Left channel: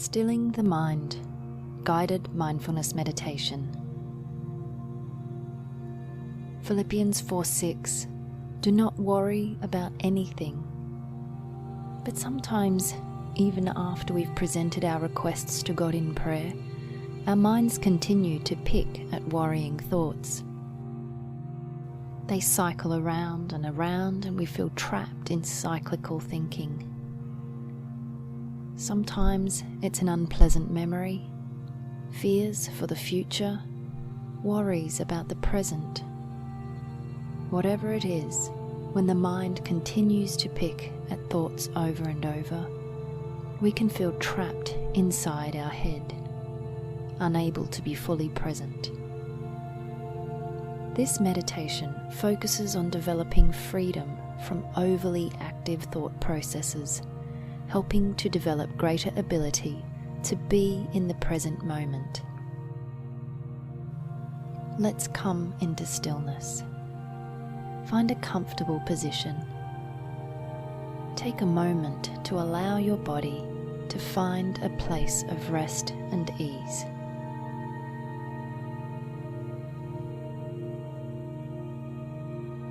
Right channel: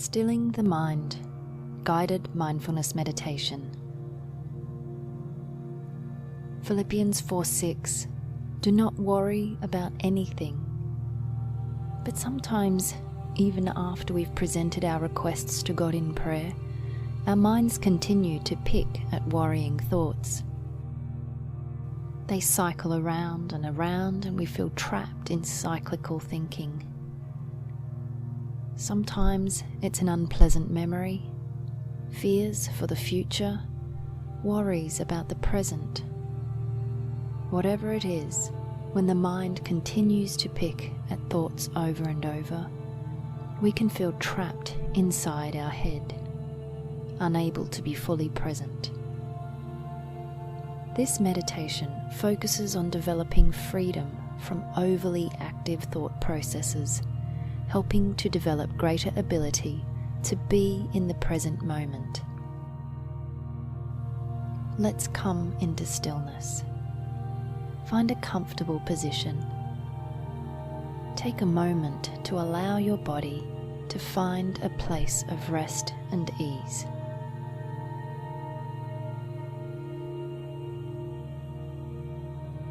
Stilling the Mind, Guided Mindfulness Meditation. Philippians 4:6. Do not worry about anything. But sometimes, even after we've presented our requests to God in prayer, our minds continue to pick at worrying thoughts. They cycle around and we feel trapped in cyclical thinking. Sometimes it's an unpleasant memory, fears for the future, worries about the present. Whatever it is, when the mind continues to pick at thoughts over and over, we can feel trapped inside our head, unable to be fully present. This meditation focuses on developing freedom from overly active thought processes, helping to develop greater ability to be in the present moment. Let's come into stillness. Find a comfortable position. Take a moment to allow your body to find a place of rest and ease.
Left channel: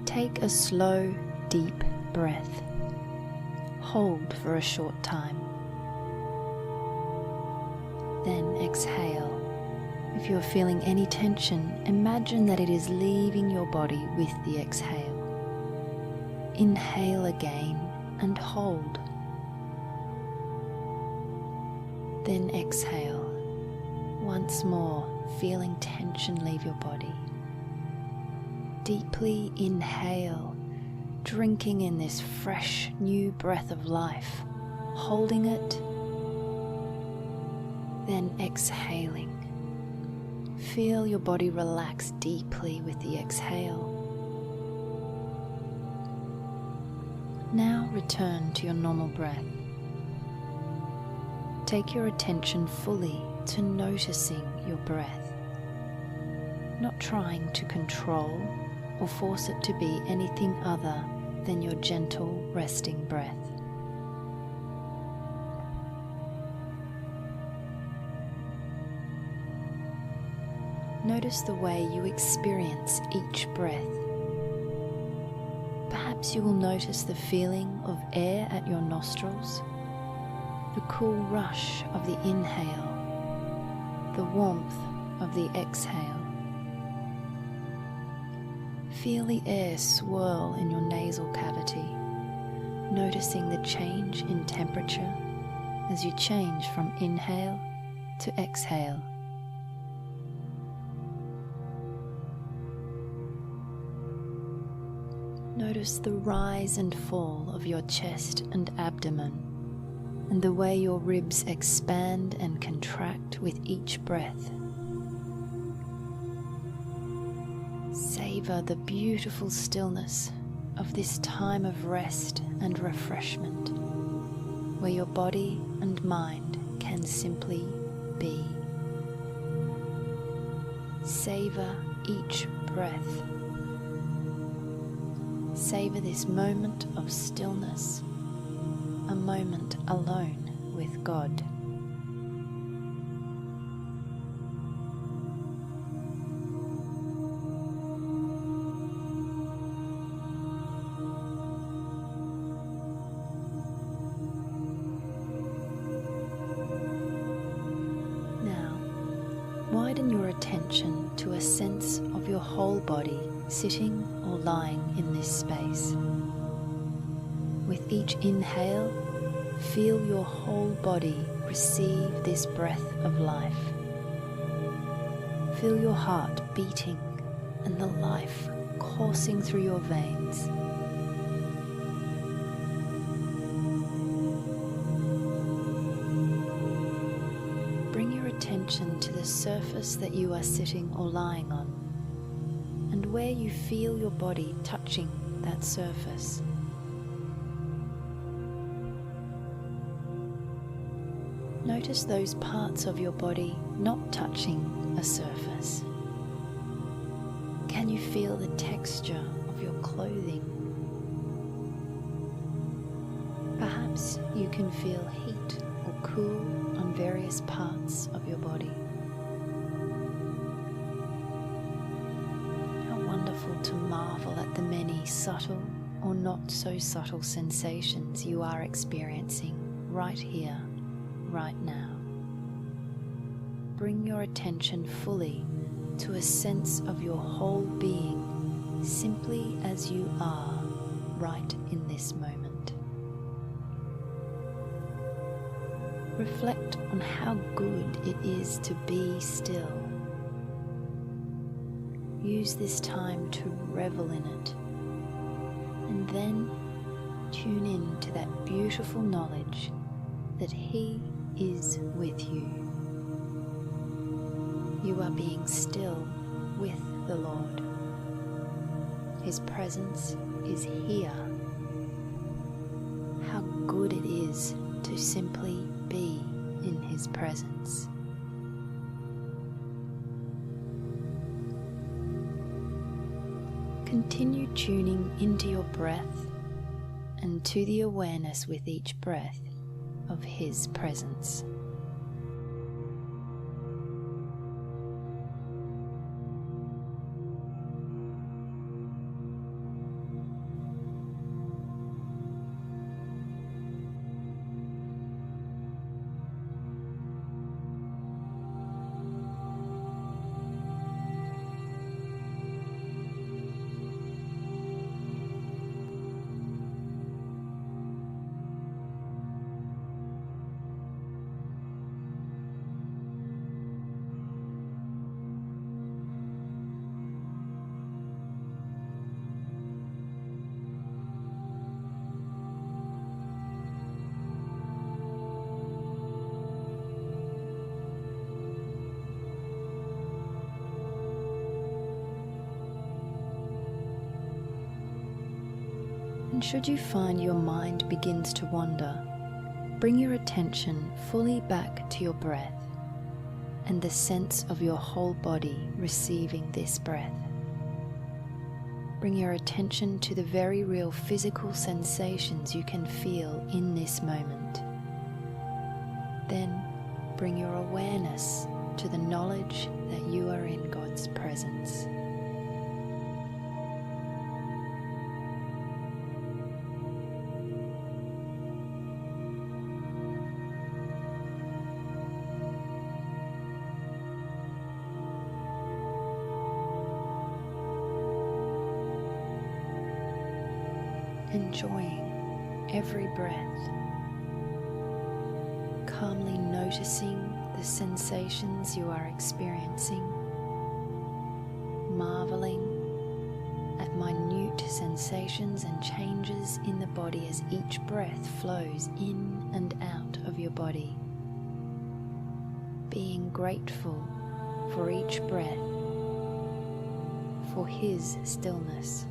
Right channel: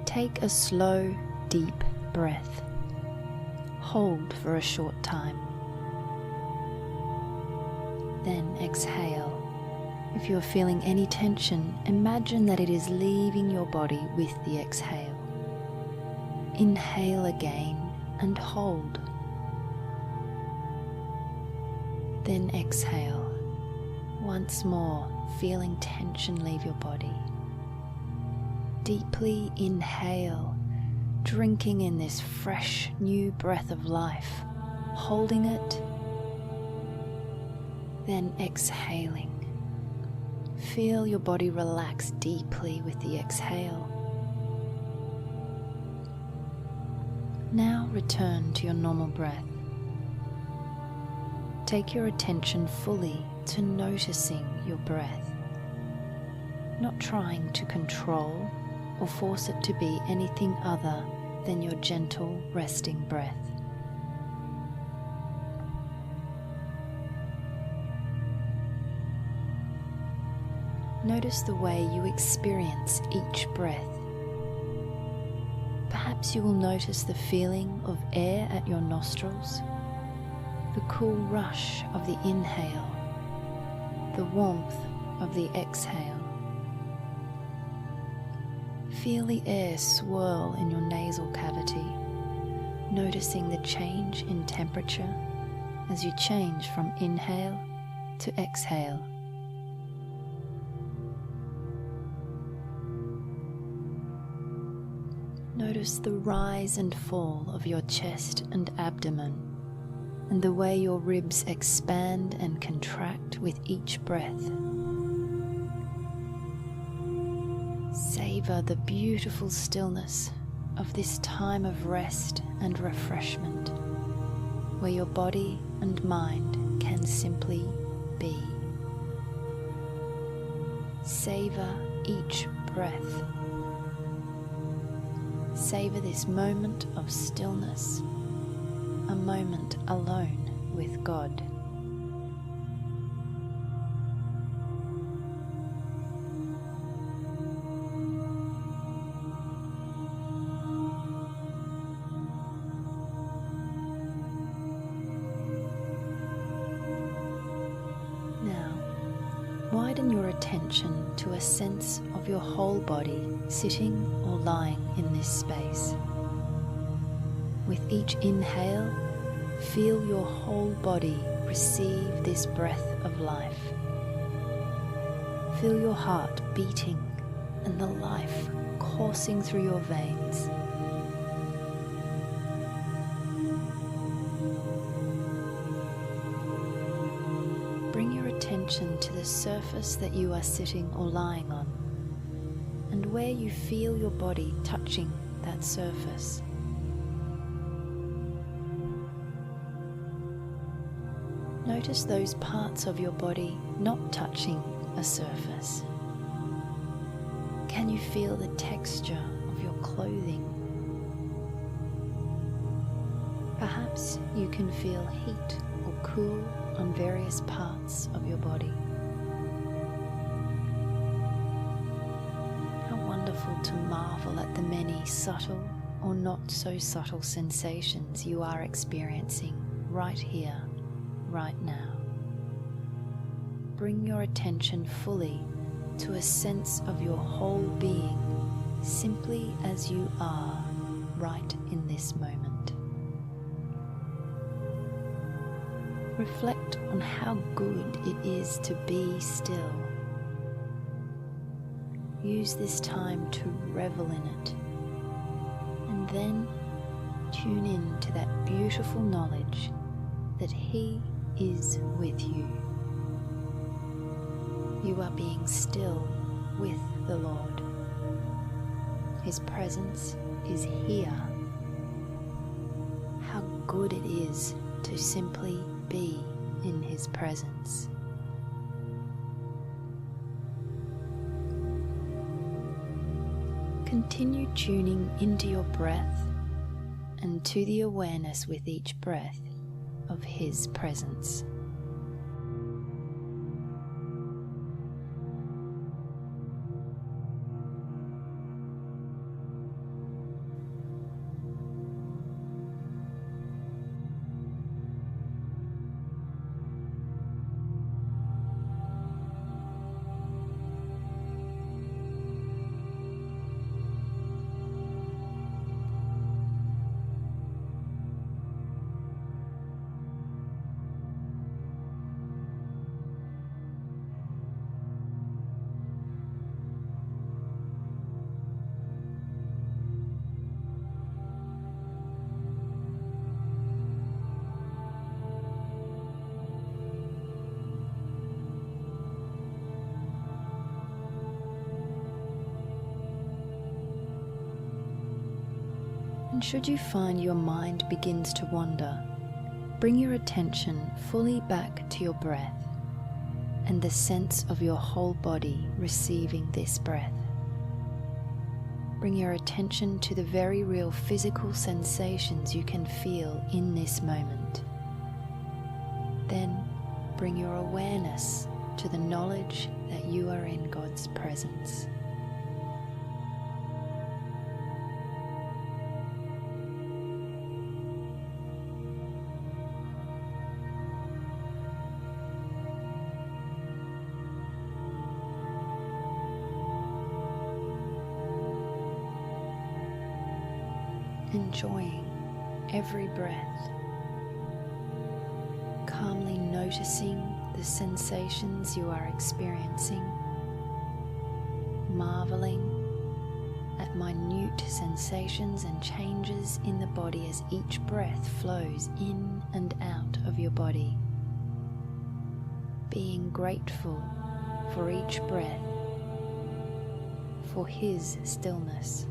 Take a slow, deep breath. Hold for a short time. Then exhale. If you are feeling any tension, imagine that it is leaving your body with the exhale. Inhale again and hold. Then exhale. Once more, feeling tension leave your body. Deeply inhale, drinking in this fresh, new breath of life, holding it, then exhaling. Feel your body relax deeply with the exhale. Now return to your normal breath. Take your attention fully to noticing your breath, not trying to control or force it to be anything other than your gentle, resting breath. Notice the way you experience each breath. Perhaps you will notice the feeling of air at your nostrils, the cool rush of the inhale, the warmth of the exhale. Feel the air swirl in your nasal cavity, noticing the change in temperature as you change from inhale to exhale. Notice the rise and fall of your chest and abdomen, and the way your ribs expand and contract with each breath. Savor the beautiful stillness of this time of rest and refreshment, where your body and mind can simply be. Savor each breath. Savor this moment of stillness, a moment alone with God. Now, widen your attention to a sense of your whole body sitting or lying in this space. With each inhale, feel your whole body receive this breath of life. Feel your heart beating and the life coursing through your veins. Bring your attention to the surface that you are sitting or lying on, and where you feel your body touching that surface. Notice those parts of your body not touching a surface. Can you feel the texture of your clothing? Perhaps you can feel heat or cool on various parts of your body. How wonderful to marvel at the many subtle or not so subtle sensations you are experiencing right here, right now. Bring your attention fully to a sense of your whole being, simply as you are right in this moment. Reflect on how good it is to be still. Use this time to revel in it, and then tune in to that beautiful knowledge that He is with you. You are being still with the Lord. His presence is here. How good it is to simply be in His presence. Continue tuning into your breath and to the awareness with each breath of His presence. And should you find your mind begins to wander, bring your attention fully back to your breath and the sense of your whole body receiving this breath. Bring your attention to the very real physical sensations you can feel in this moment. Then bring your awareness to the knowledge that you are in God's presence. Enjoying every breath, calmly noticing the sensations you are experiencing, marveling at minute sensations and changes in the body as each breath flows in and out of your body, being grateful for each breath, for His stillness.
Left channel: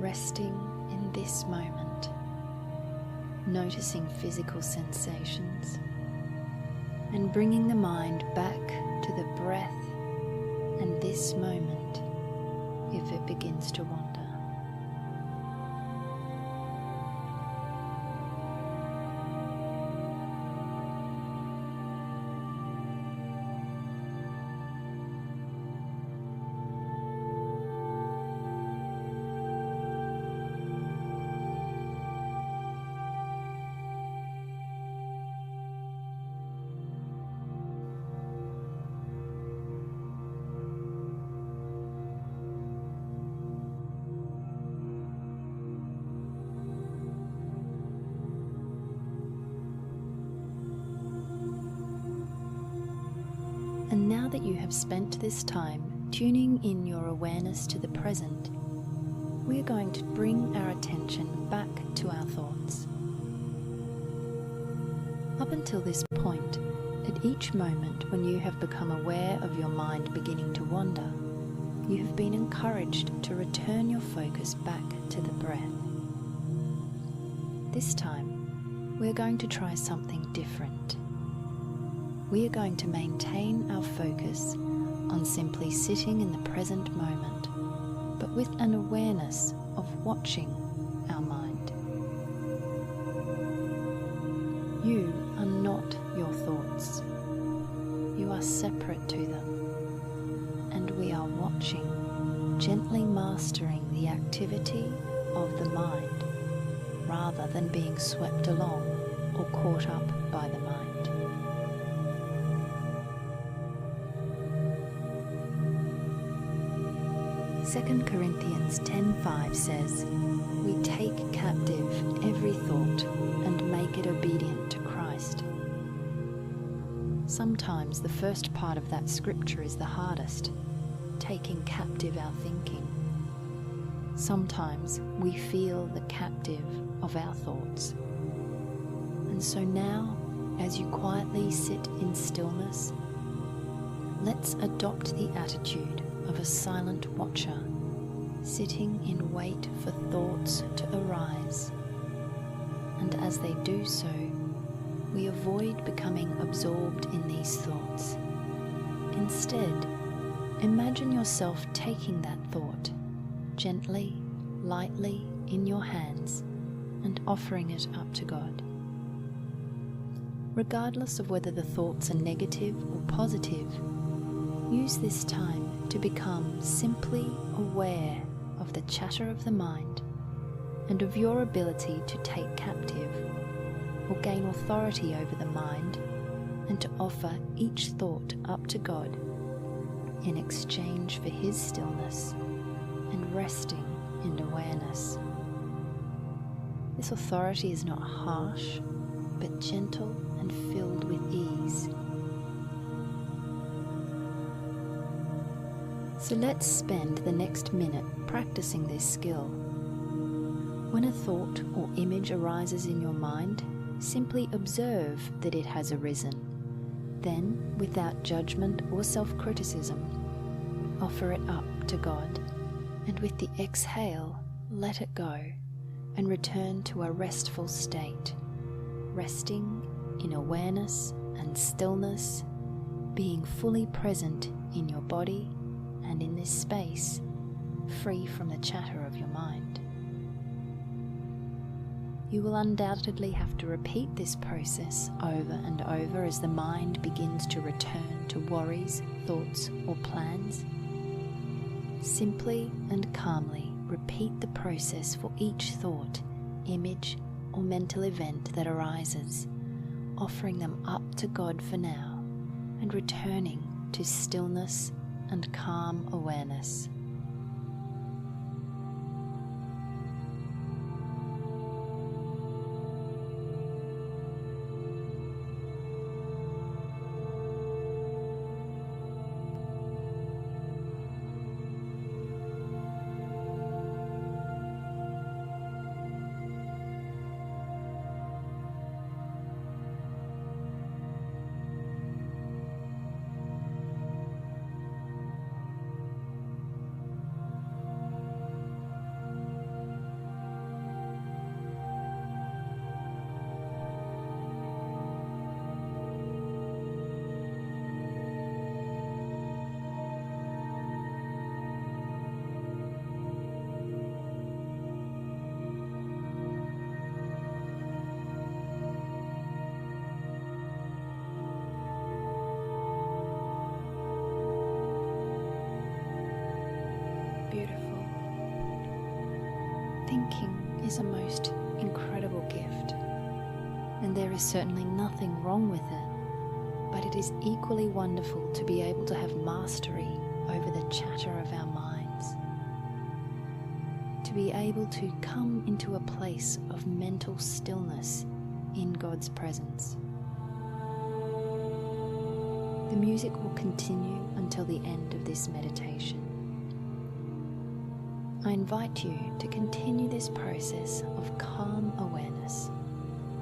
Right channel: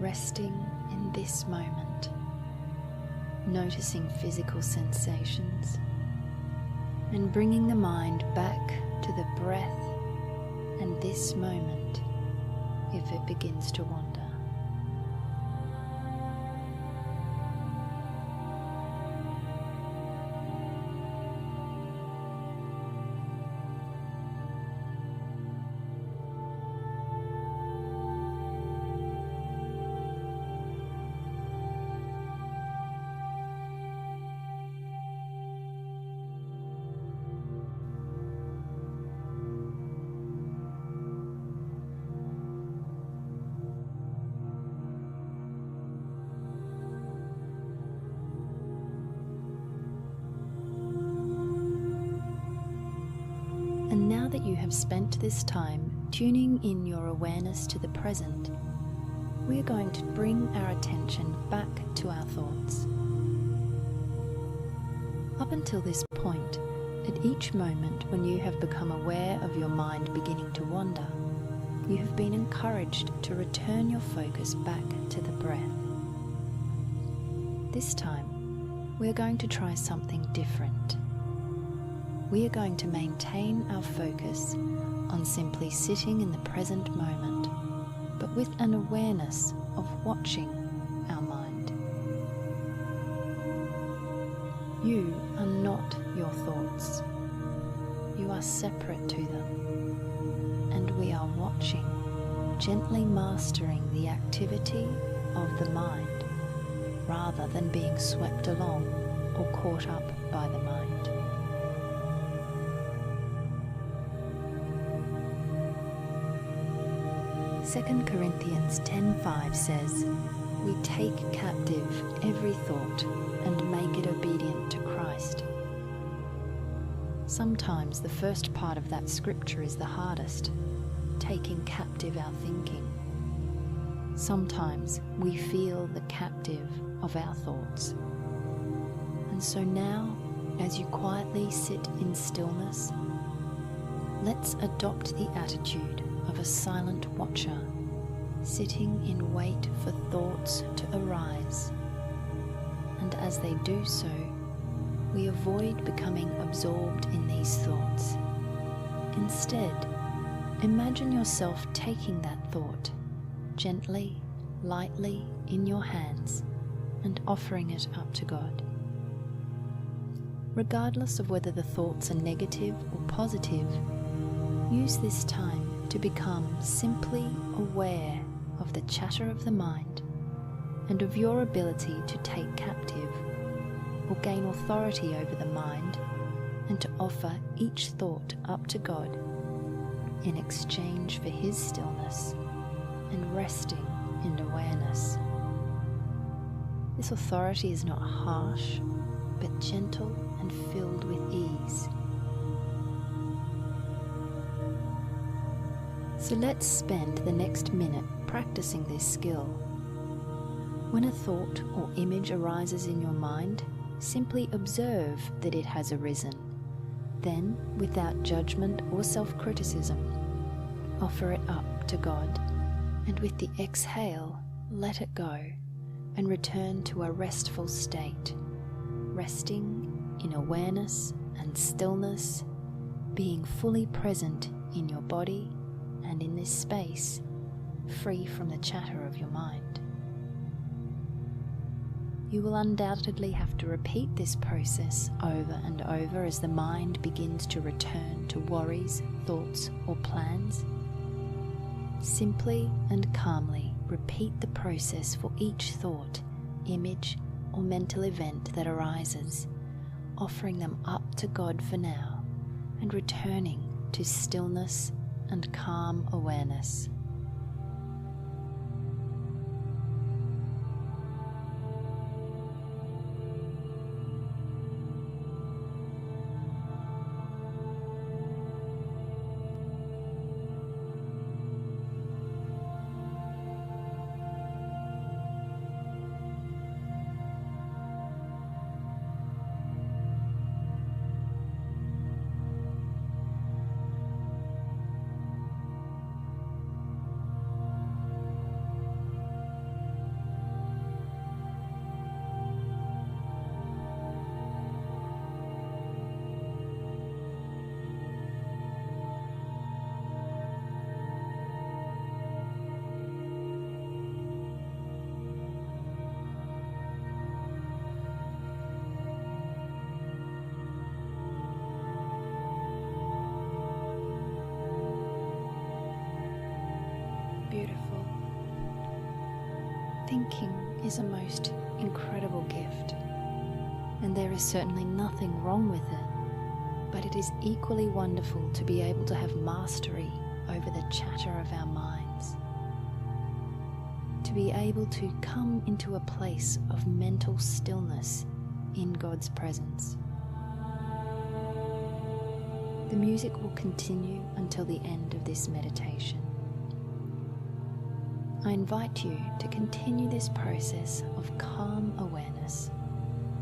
Resting in this moment, noticing physical sensations, and bringing the mind back to the breath and this moment if it begins to wander. And now that you have spent this time tuning in your awareness to the present, we are going to bring our attention back to our thoughts. Up until this point, at each moment when you have become aware of your mind beginning to wander, you have been encouraged to return your focus back to the breath. This time, we are going to try something different. We are going to maintain our focus on simply sitting in the present moment, but with an awareness of watching our mind. You are not your thoughts. You are separate to them, and we are watching, gently mastering the activity of the mind, rather than being swept along or caught up by the mind. Second Corinthians 10:5 says, "We take captive every thought and make it obedient to Christ." Sometimes the first part of that scripture is the hardest, taking captive our thinking. Sometimes we feel the captive of our thoughts. And so now, as you quietly sit in stillness, let's adopt the attitude of a silent watcher, sitting in wait for thoughts to arise. And as they do so, we avoid becoming absorbed in these thoughts. Instead, imagine yourself taking that thought, gently, lightly in your hands, and offering it up to God. Regardless of whether the thoughts are negative or positive, use this time to become simply aware of the chatter of the mind and of your ability to take captive or gain authority over the mind, and to offer each thought up to God in exchange for His stillness and resting in awareness. This authority is not harsh, but gentle and filled with ease. So let's spend the next minute practicing this skill. When a thought or image arises in your mind, simply observe that it has arisen. Then, without judgment or self-criticism, offer it up to God, and with the exhale, let it go and return to a restful state, resting in awareness and stillness, being fully present in your body and in this space, free from the chatter of your mind. You will undoubtedly have to repeat this process over and over as the mind begins to return to worries, thoughts, or plans. Simply and calmly repeat the process for each thought, image, or mental event that arises, offering them up to God for now and returning to stillness and calm awareness. Beautiful. Thinking is a most incredible gift, and there is certainly nothing wrong with it, but it is equally wonderful to be able to have mastery over the chatter of our minds, to be able to come into a place of mental stillness in God's presence. The music will continue until the end of this meditation. I invite you to continue this process of calm awareness,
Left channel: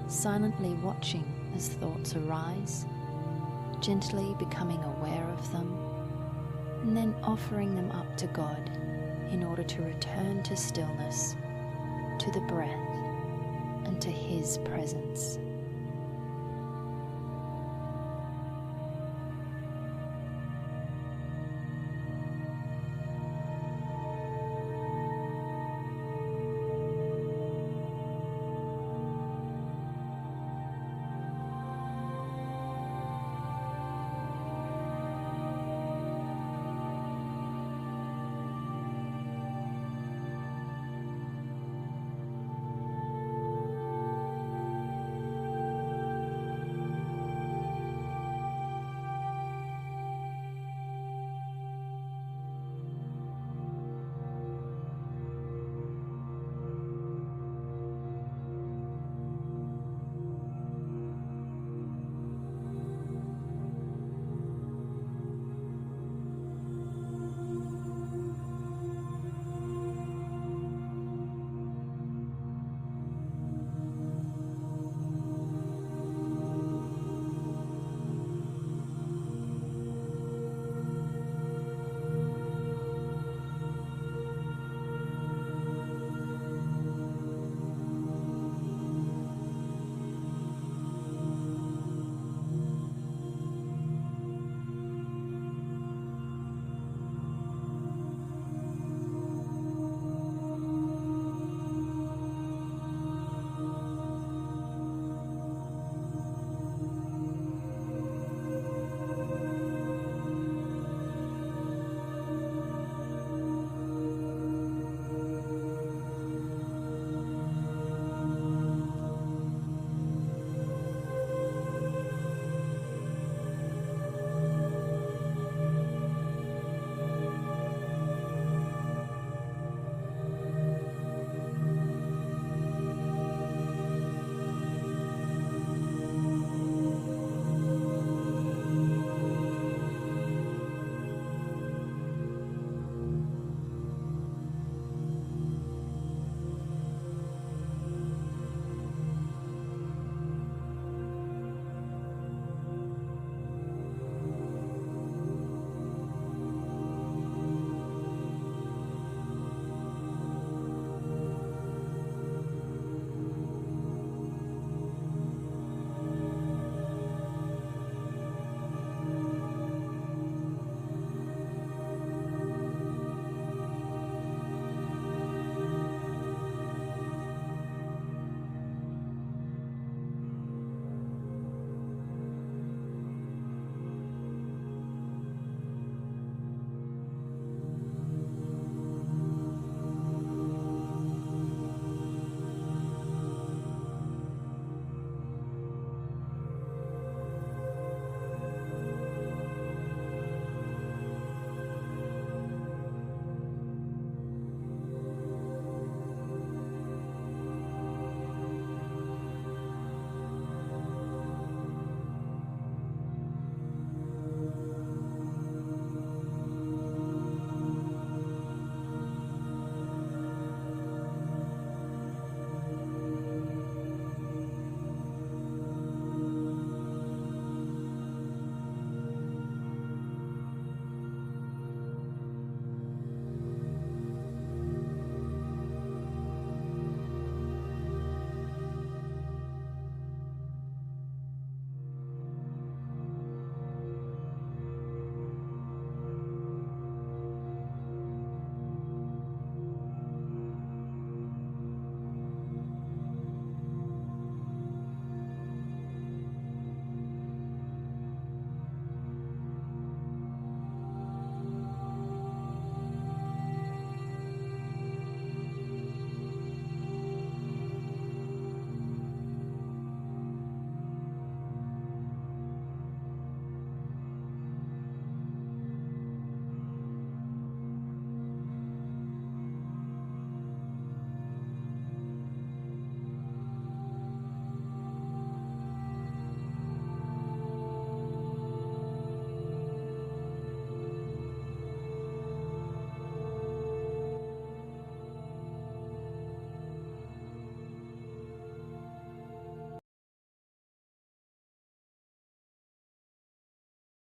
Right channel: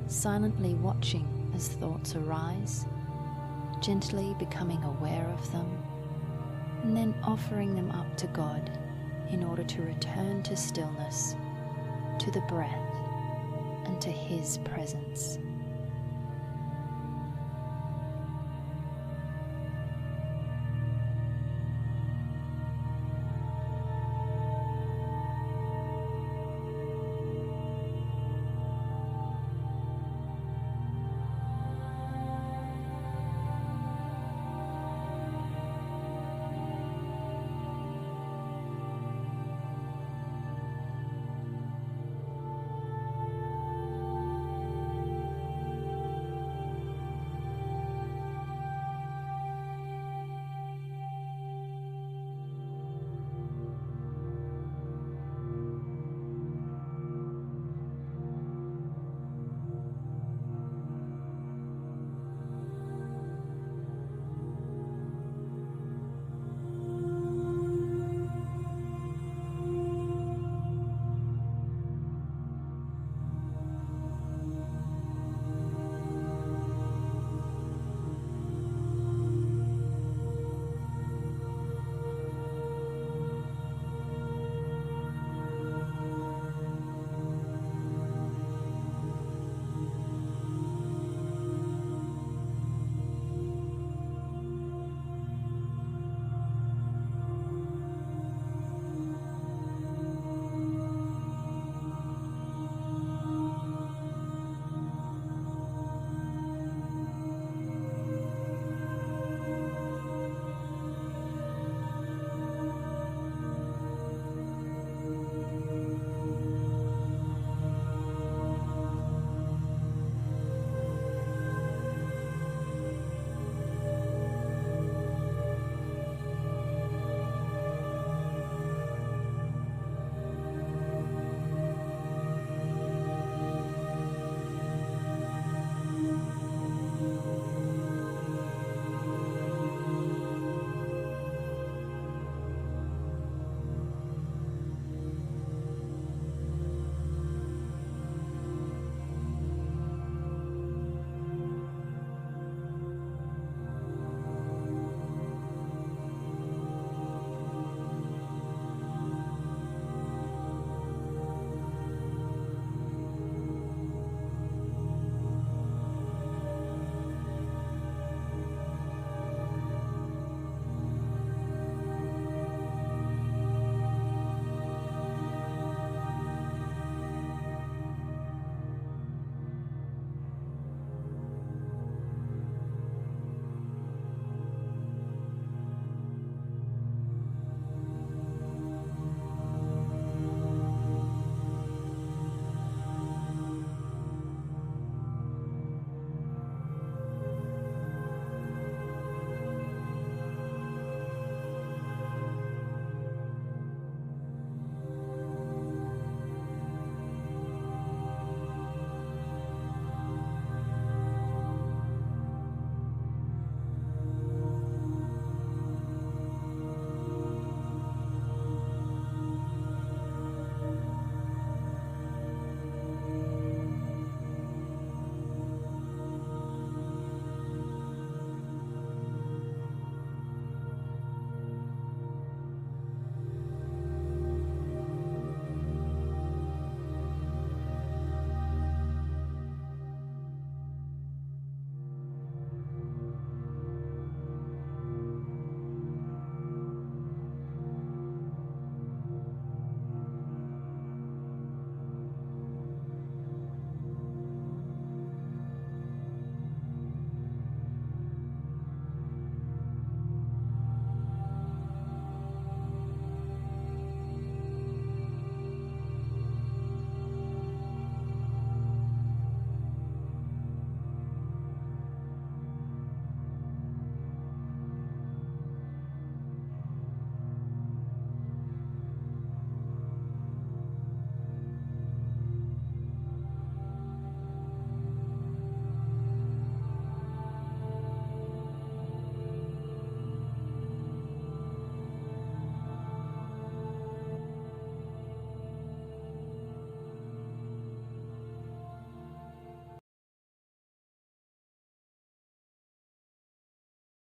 silently watching as thoughts arise, gently becoming aware of them, and then offering them up to God in order to return to stillness, to the breath, and to His presence.